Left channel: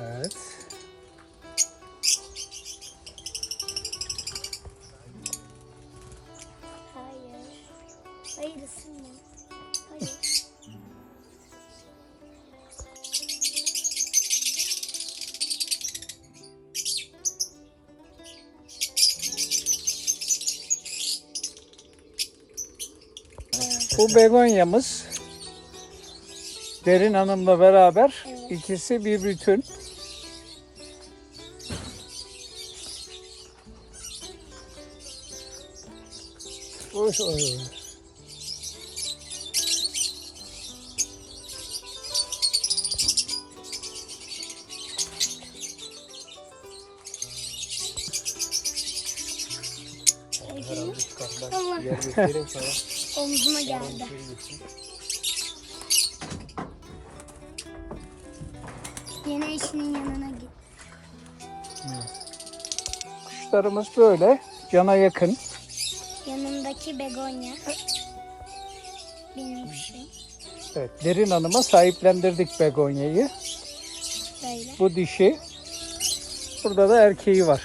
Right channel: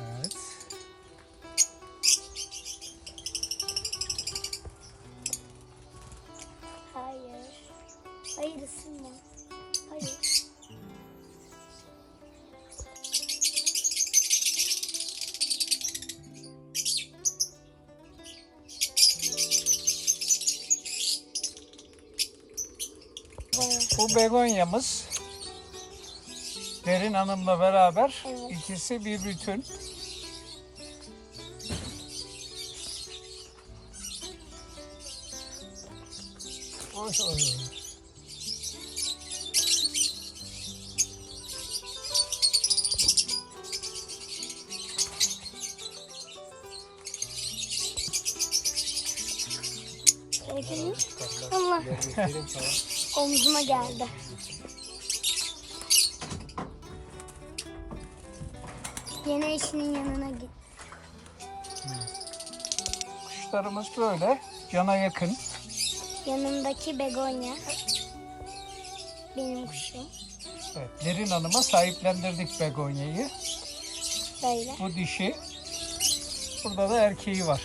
Evet. Hayır. Hayır ısınma. Hayır. Bu begonyamız Derin Hanım'la beraber Evet. ikisi bir bütün. Gördün mü? Allah. Omzuma geldi. Yine eşinin yanına git. Kuşlarımız böyle cana yakın. Yanımdaki begonya. Benim kuşum. Evet, Derin Hanım'a sahiplendirdik begonyayı. Böyle. Bu dişi. Burada da erkeği var.